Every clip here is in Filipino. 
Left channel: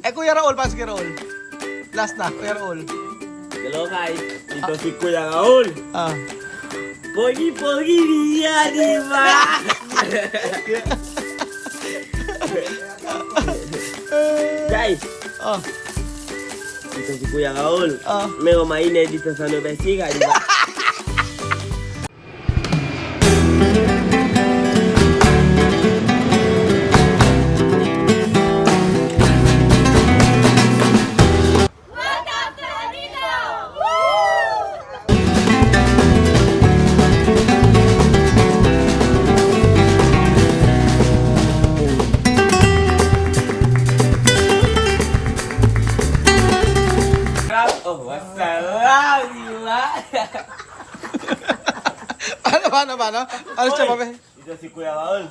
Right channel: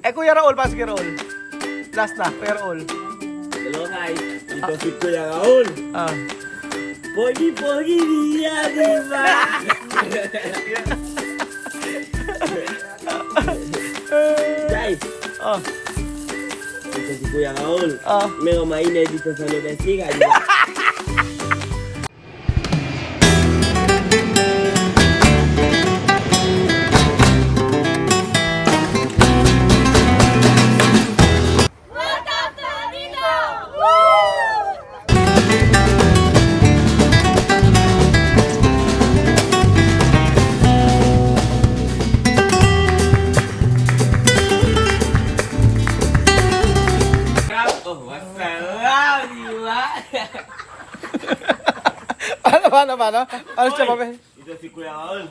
Eh, Kuya Raul, paano si Kuya Raul? Last na, Kuya Raul. Hello guys, dito si Kuya Raul. Ah. Pogi-pogi niya, di ba? Guys, Oh. dito si Kuya Raul. Ah. Meron mainit dito sa Nueva Ecija, di ba? Oh, masarap, di ba? Paano? Ano siya, Hoy, papi? dito si Kuya Raul.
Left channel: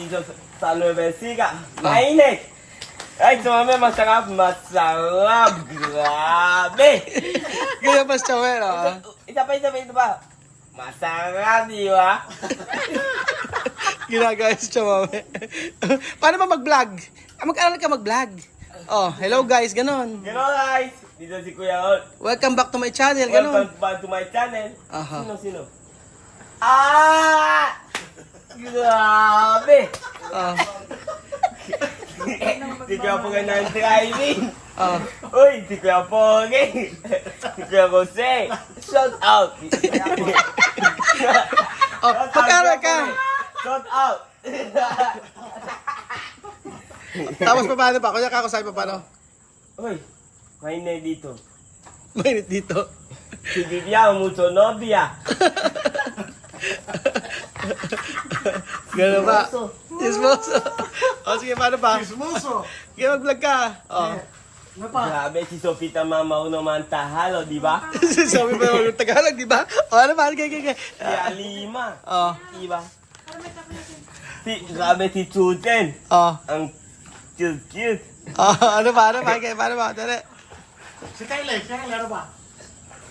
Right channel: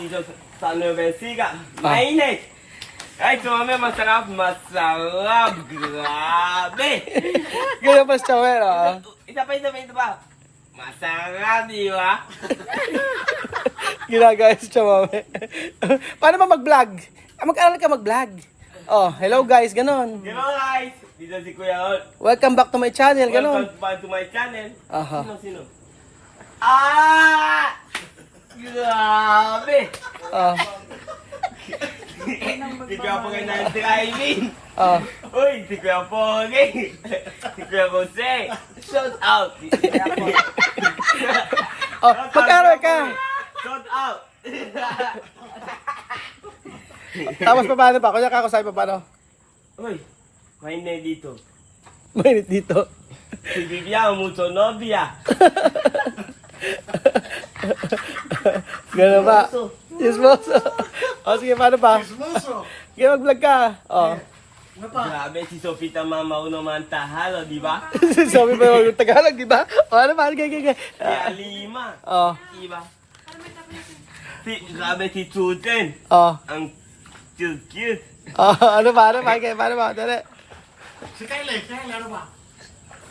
Dito sa Nueva Ecija, mainit. Ay, sumami, masarap. Grabe. Kaya pa siya, ah. Isa pa. Masarap, di ba? Ginagaya siya, mami. Paano ba mag-vlog? Mag-aral ka mag-vlog. Oh, hello guys, ganon. Hello guys, dito si Kuya Raul. Welcome back to my channel, ganon. Welcome back to my channel. Aha. Sino? Ah! Grabe! Ah, Si Kuya Pogi na driving. ah. Uy, si Kuya Pogi. Si Kuya Jose. Shout out. Oh, mag-aral ka. Shout out. Tapos paano pa? Kuya kako sa'yo paano? Uy, mainit dito. Mainit dito. Si Vivian mucho novia. Gano'n ba? Chismoso. Chismoso. O sige, paano pa? Chismoso. Sige, mag-vlog ka. Oh. Ano pa? Grabe si Sofita Mama uno man tahalo, di ba? Sabi ba yung Tagalog, di ba? O ano ba? Sige. Si Alima. Oh. Di ba? Grabe si Chuten. Oh. Ang cute. Oh, ano ba? Paano ba? Dali. Si Kylie, ano ba?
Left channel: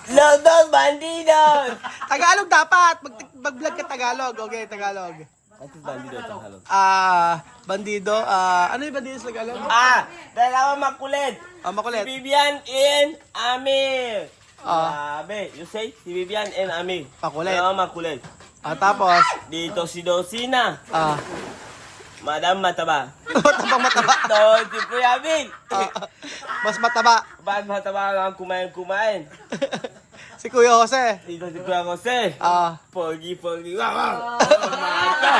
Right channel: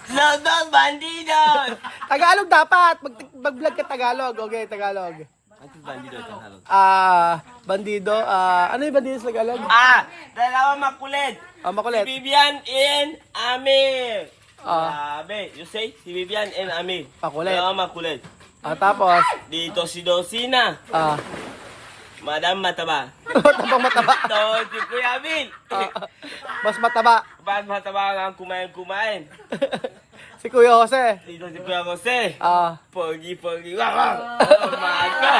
Lobang bandidos! Tagalog dapat. Mag-vlog ka Tagalog. Okay, Tagalog. Anong bandido tahalo? Bandido. Ano yung bandido sa Tagalog? Dalawa makulit. Si Makulit. Vivian and Amir. Ah. Grabe. You say? Si Vivian and Amir. Makulit. Dalawa makulit. Tapos, Dito si Dosina. Madam Mataba. tabang mataba. Ito si Kuya Bin. Mas mataba. Ba't mataba ang kumain? Si Kuya Jose. Dito si Kuya Jose. Pogi. Wow. Mato.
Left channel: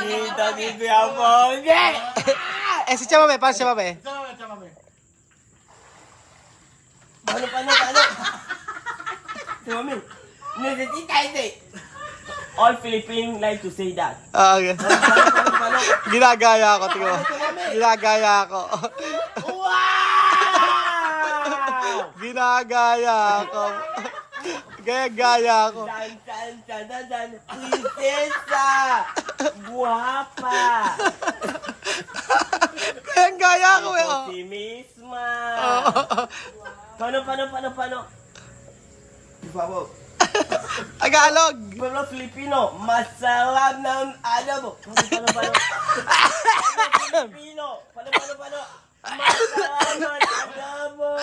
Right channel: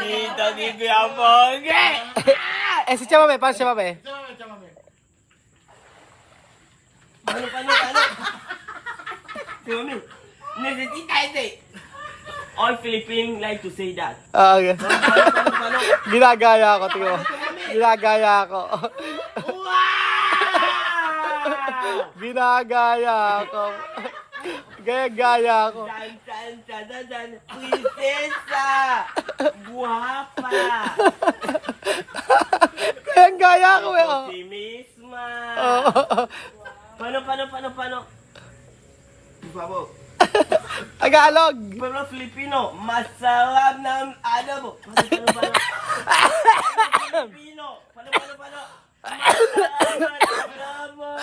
Dito si Kuya Pogi. Si Chamame. Paano si Chamame? Paano? Si Mami. Necesita ese. All Philippines like to say that. Okay. Paano? Ginagaya ako, tingnan mo. Ginagaya ako. Wow! Ginagaya ako. Gaya ako. Dan. Prinsesa! Guwapa! Gaya ako eh. Si Misma! Oh. Paano? Pabo. Tagalog. Pueblo Filipino, masarap ng ano mo. Paano? Filipino, paano? Masarap ng ano mo.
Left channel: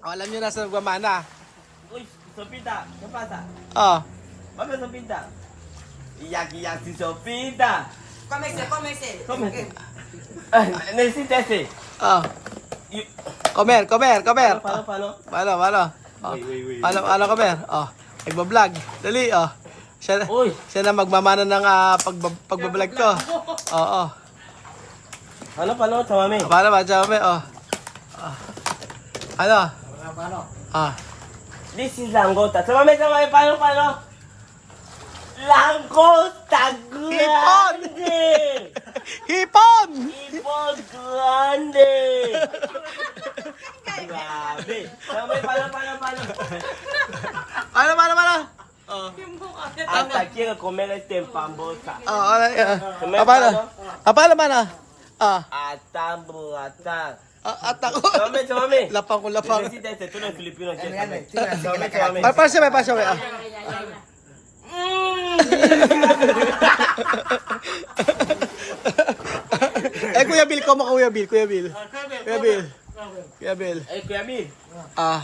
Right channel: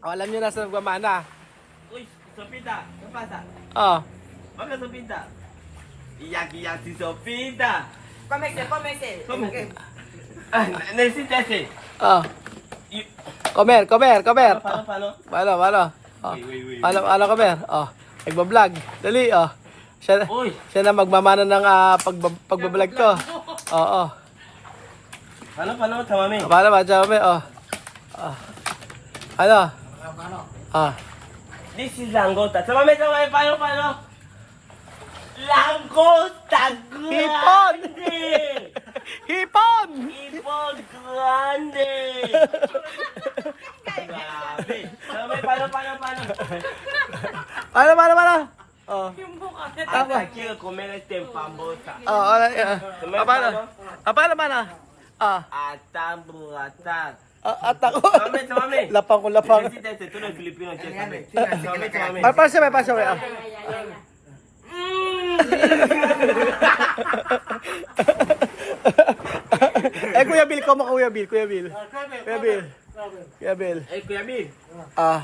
Alam niyo na sa nagmamana. Uy, Sofita, napasa. Bakit Sofita? Iyak si Sofita. Comercial. Necesita ese. Comer. Paano? Paano? Wait. Paano comer? Nagbablog. Dali, Uy. Siya na magmamana ng pagbablog ko. Oo. Paano, Chamame? Paano ba, Chamame? Ano? This is Langota. Chamame, paano? Langota grande! Hipon! Hipon grande! Grabe. Chamame, paano? Hasta quiero comer este pambosa. Paano? Atang. At ako. Chamame. Lapang. Necesita ese, tú eres filipino. Chamame. Paano siya, Eh, Kuya Bill, kamo Kuya Bill, Kuya Bill. Kuya Bill. Kuya Bill. Eh, Kuya Bin. Ah.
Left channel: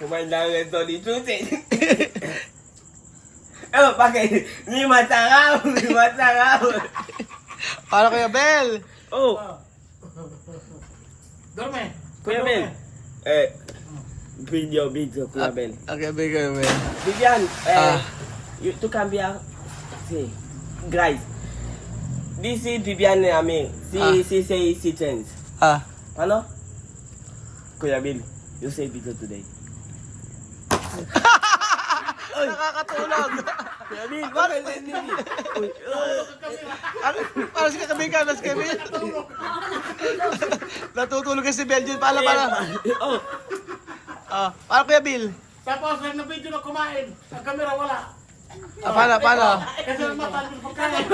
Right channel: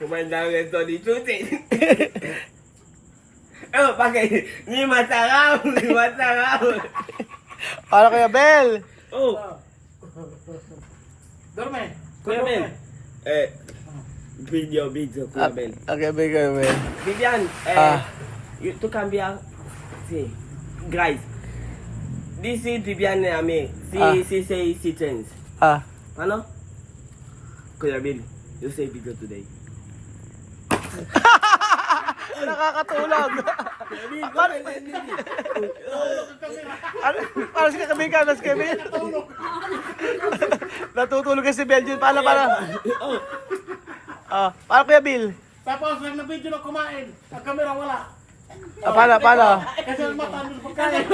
Kumandang ito ni Tuti. Oh, bakit? Ni masarap. Ni masarap. Para Kuya Bill. Oh, Dorme. Kuya Ben. Video, Kuya Ben. Okay, Bill, Kuya Bill. Vivian, Ah. tu cambiar. Sí. Guys. This is Vivian Ame. Ah. Si trends. Ah. Ano? Kuya Ben, you say video today. Nakakatulog. Kuya Ben, bakit hindi? Ano? Para si Kevin ka, si Kevin. Natutulog kasi Belgian. Para. Oh, Ah, para Kuya Bill. Tapos na video na kumain. Ang kamera wala. Ah, para. Kasi ang mata ng pagkain.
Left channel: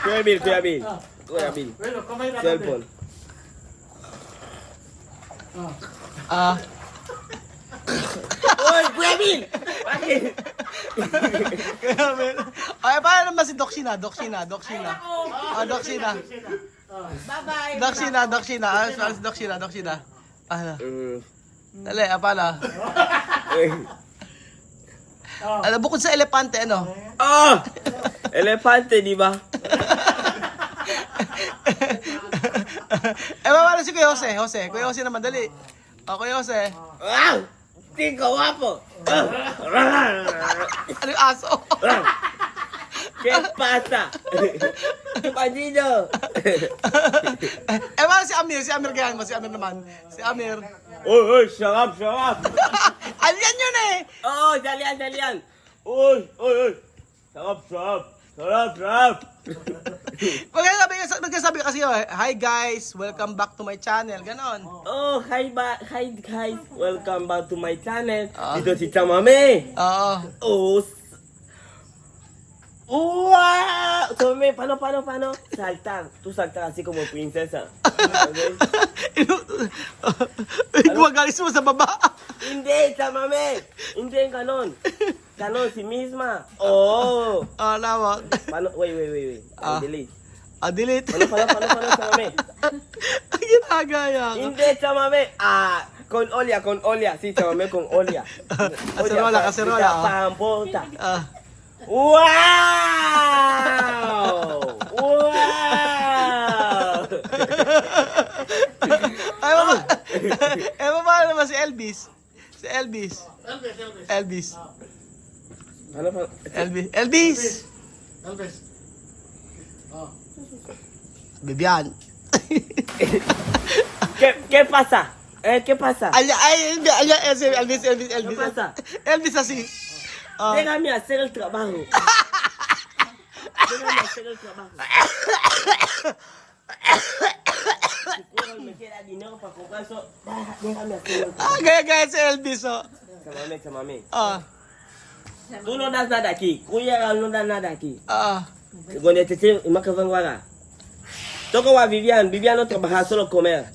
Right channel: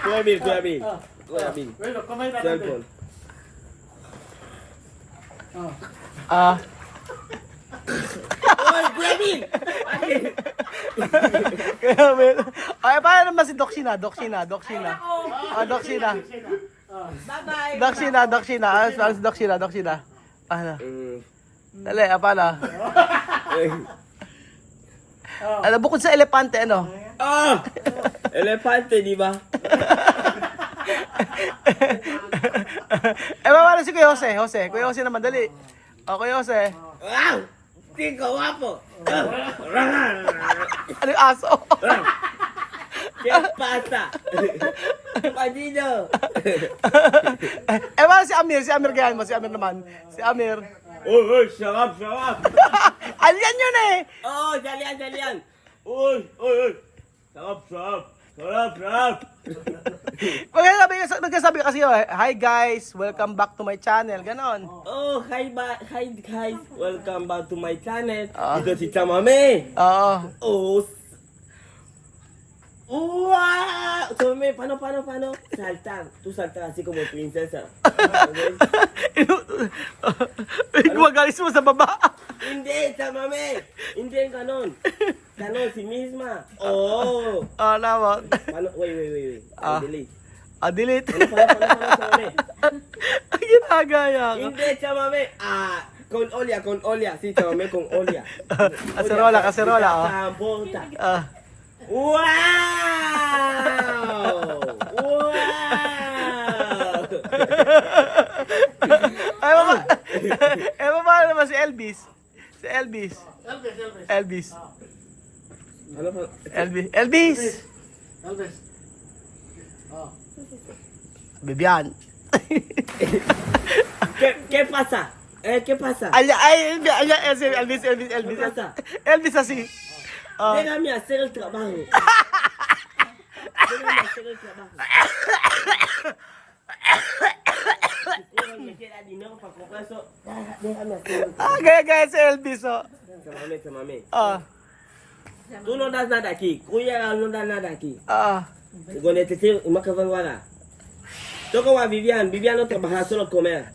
Kuya Ben. Kuya Ben. Bueno, kumain na. Cellphone. Ah. Oy, Kuya Ben! Bakit? Kuya Bill. Ay, para naman si Doxina. Ah, Doxina. Doxina. Ah, si Doxina. Ano? Dali, para. Ano, bukod sa elepante, ano? Oh! Elepante, di ba? Para si Kuya Jose. Kuya Jose naman, dali. Oh, Kuya Jose. Wow! Cinco guapo! Ano yung aso? ¿Qué pasa? Pandillo! Para si Amir ganyan mo, si Amir naman. Si Amir. Oy, sarap! Ano yan yun eh? Oh, dalian! Oy! Sarap! Magkasabi kasi yun, hi guys, welcome back to my channel, ganon. Oh, hi guys! Welcome back to my channel. Dito si Chamame! Oo. Oh! Wow! Chamame, paano? Saltar. Tu saltar así como princesa. Okay? Gumagalis mo sa baba. Hindi, Chamame! Hindi yung ganon. Ganon, si misma. Oh! Ah, lawak. Paano? Wait. Delete. Ah, delete. Paano, Chamame? Ang ginagaya ka. Hindi, Chamame. Con Olia. Sí, Chamame con Olia. Kaserola, oh. Pampota. Ah. Wow! Paano naman si Elvis? Elvis. Ano? Elvis. Elvis. Oh. Bibian. ¿Qué pasa? ¿Qué pasa? Elvis. ¿Qué pasa? Elvis así. Ah. Déjame hacer el trabajo. Si me queda dinero para comprar eso, déjame hacer el trabajo. Gaya si Elvis, oh. Chamame. Ah. Tú no das nada aquí. Kuya no da nada aquí. Ah. Cuando te estoy en Macavanguara. Toco a Vivian no trabaja, solo comer.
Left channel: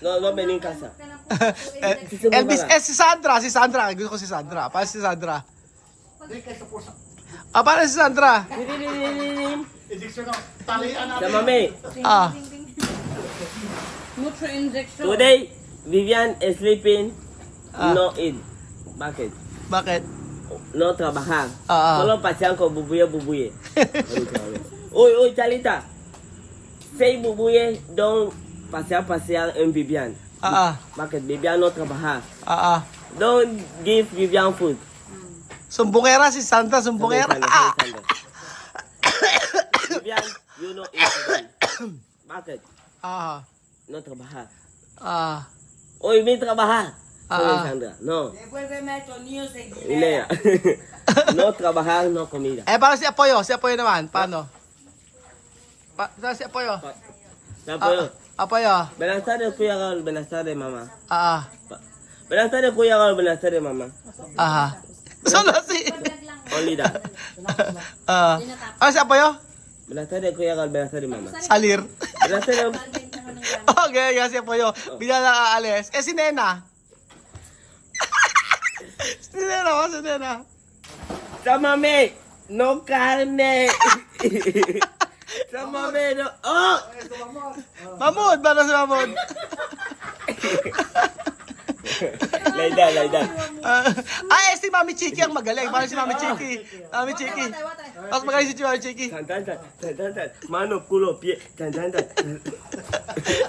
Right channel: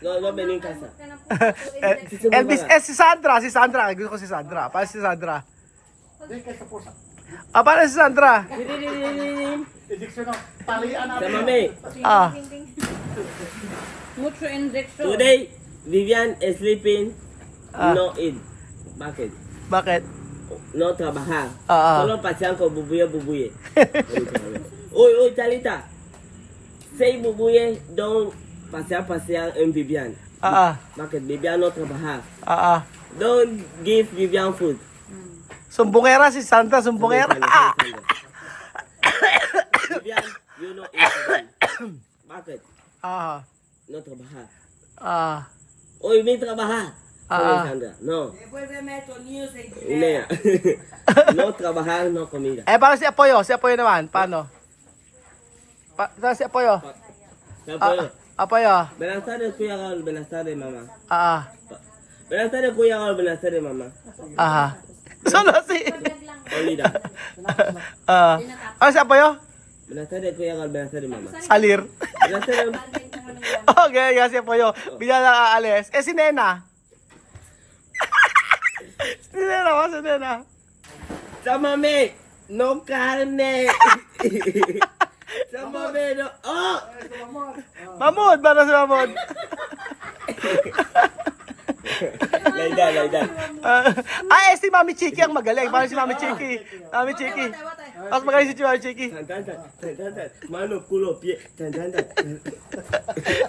No venir en casa. Elvis, si Sandra. Gusto ko si Sandra. Para si Sandra. Hindi kayo sa pusa. Para si Sandra. Injection ng talian natin. Chamame. Ah. Mucho injection. Today, Vivian is sleeping, Ah. no eat. Bakit? Bakit? No trabajar. Ah. Solo pasean con bubuye. Uy, Talita. Say bubuye, don't pasear en Vivian. Ah. Bakit? Vivian no trabajar. Ah. Don't give Vivian food. Sumbongera si Sandra, sumbongera. Vivian, you no eat today. Bakit? Ah. No trabajar. Ah. Uy, may trabajar. Ah. Sandra, no. Devuélveme a estos niños en Inea. No trabajar, no comida. Para si Apoyo naman, paano? Si Apoyo. Apoyo. Apoyo. Buenas tardes, Kuya Raul. Buenas tardes, mamá. Ah. Buenas tardes, Kuya Raul. Buenas tardes, mamá. Ah. Solo si. Olida. Si Apoyo? Buenas tardes, Kuya Raul. Buenas tardes, mamá. Salir. Buenas tardes. Okay, si Apoyo. Bigla na aalis. Si Nena. Si Nena. Chamame. No carne. Sa mami, no. Oh! Mamod, para si Mamod. Like that. Si Mami Chiki ang magaling. Parang si Mami Chiki. Mami Chiki. Mas magaling si Mami Chiki. Tan. Mano, culo, pie. Tan.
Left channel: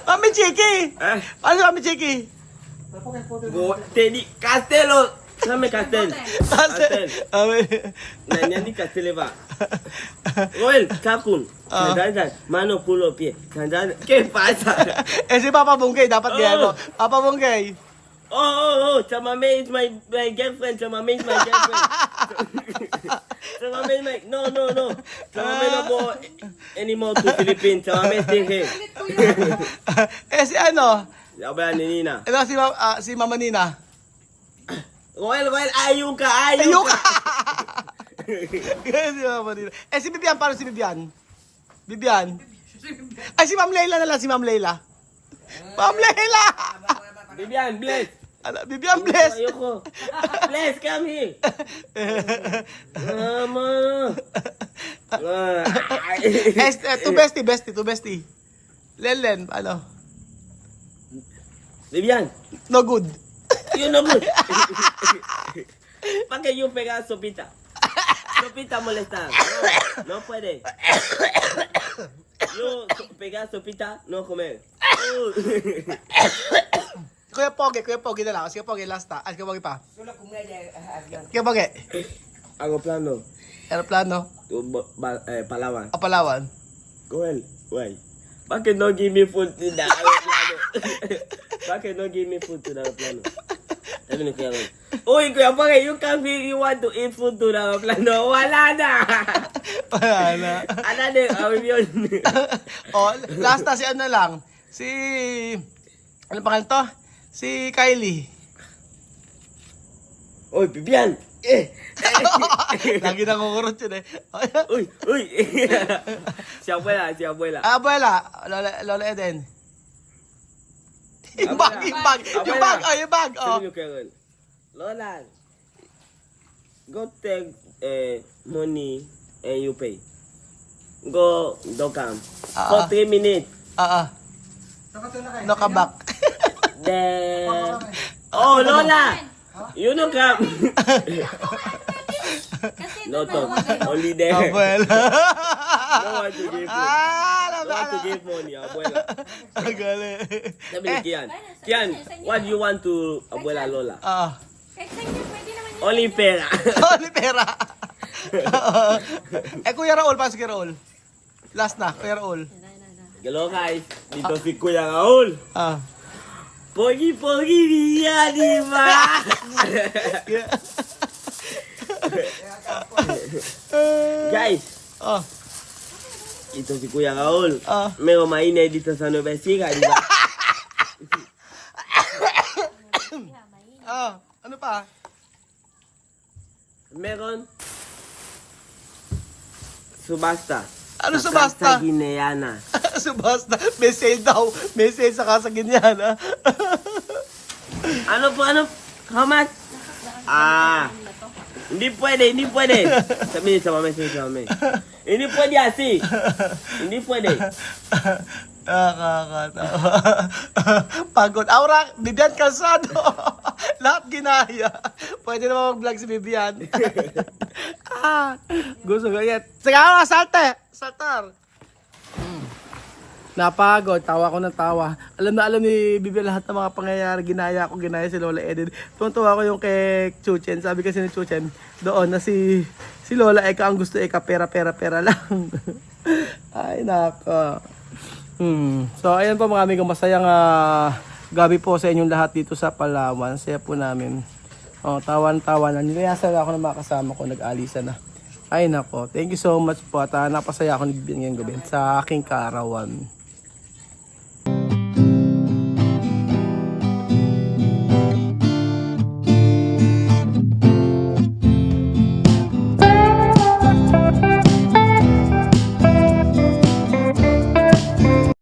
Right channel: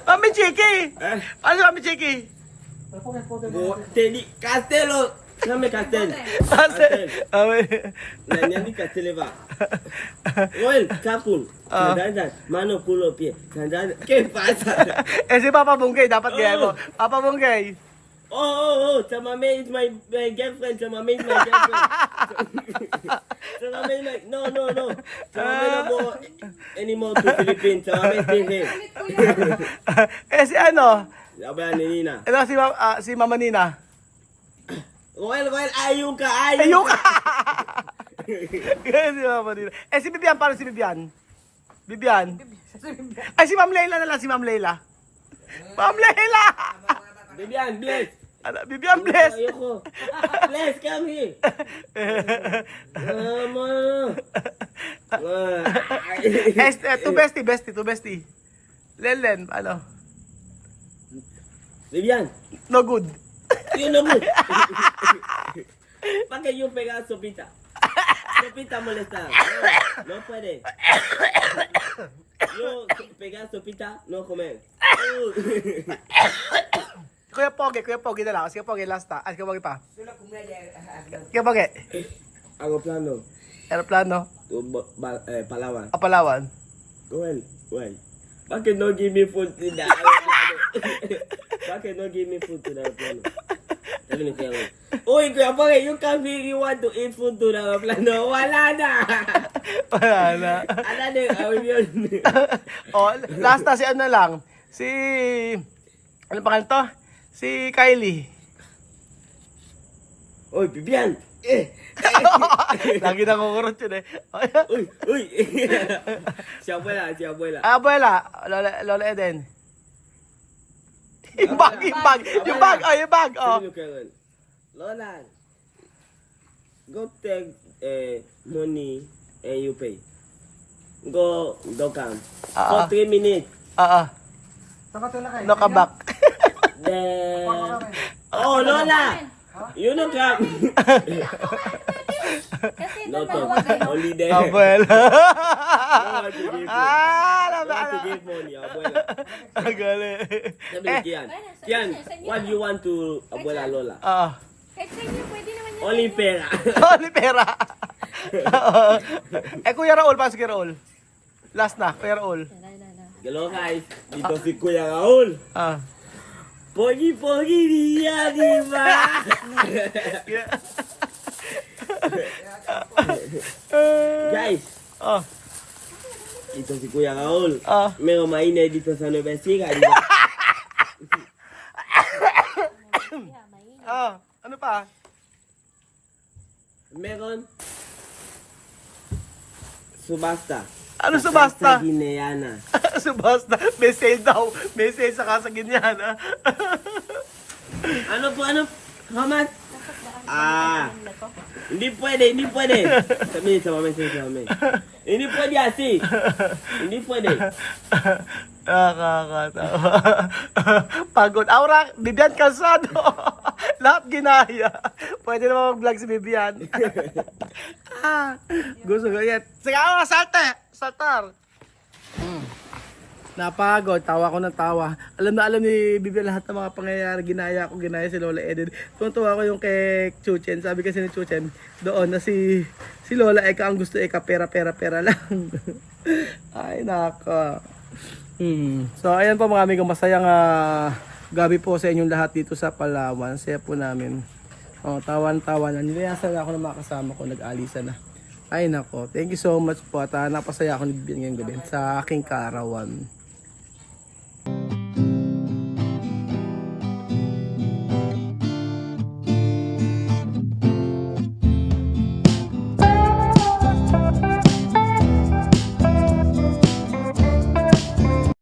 Mami Chiki! Eh? Paano si Mami Chiki? Go, Teddy, Castello. Dame Castel. Castel. Nanyani Castel va. Roel, Capun. Tan. Mano, culo, pie. Tan. ¿Qué pasa? Si Papa Bunggay, dapat ganyan mo. Papa Bunggay. Oh, Chamame is my girlfriend. Chamame is my girlfriend. Chamame is my... No. Chamame no go anymore to Philippines. Chamame stay here. Si ano? Sabi ni Nina. Ito si Mama Nina. Roel, ayun ka. Ayun ka! Si Mama Nina. Si Bibian, paano si Bibian? Bibian? Si Ma'am Leila na lang, si Ma'am Leila. Ma'am Leila! Bibian, bless. Bibian, bless! Ayoko. Bless, come here. Mama. To bestie. Len, ano? Bibian, No good. you know good. ¿Para que yo pega sopita? Sopita molestar. No puede. Yo pegar sopita, no comer. Kuya Pogi na lang. Sige Pogi, last ta. Kuya Pogi pa. Solo kumaya Kuya Pogi. Hago plano. Aeroplano. Palawan. Palawan. Goel, why? ¿Para que no give me food to the aeroplano? ¿Para que no give me food to the aeroplano? Sabi ni Kuya Goel. Uy, Kuya Pogi, you can feel you want to eat food to the aeroplano. Wala na! Ano din, yun. Last na si ano lang. Ano pangalan to? Si Kylie. Uy, Bibian! Lagi nangungurot yun eh. Uy! Si abuela. Abuela, Lola Eden. Yung bag. Yung bag. Sabi ni Kuya Goel, Lola, go take money and you pay. Go come. For 3 minutes. No ka back. Then... Oh, Lola! You know come. No talk. Only there. Abuela. No one to give food. No one to give money, abuela. Galing. Sabi ni Kian, what do you want to abuela Lola? Kahit sa inyo, pwede naman yun. Only pera. Only pera. Kuya Raul, paano si Kuya Raul? Last na, Kuya Raul. Hello guys, dito si Kuya Raul. Pogi niya, di ba? Guys, dito si Kuya Raul. Meron mainay dito sa Nueva Ecija, di ba? Ano pa? Meron subasta. Ano subasta? Sa Guineana. Subasta. May sale daw. May sale sa Kasaginyan. Ano? How much? Hindi pwede. Sabi sa mami. Hindi pwede asi. Hindi pwede. Nakakatawa. Pagod. Aura, Bibian Calzado. Lahat ginaya. Pwede naman mag-vlog si Bibian. Gusto ko yan. Sige, saltar. Napagod, tawa ko ng tawa. Alam ni Bibian lahat ng mga pangyayari. Ginaya si Lola Eden. Tuntua ko yung kay Chuchen. Sabi kasi ni Chuchen, doon na si Lola Eka ang gusto pera lang. Ay, nako. So, ayan po mga amigo, masayang gabi po sa inyong lahat dito sa Palawan. Saya po namin. Tawan-tawanan. Nilayasan ako ng mga kasama ko, nag-alisa na. Ay nako, thank you so much po at napasaya ako ni Bibian ngayong gabi sa aking kaarawan.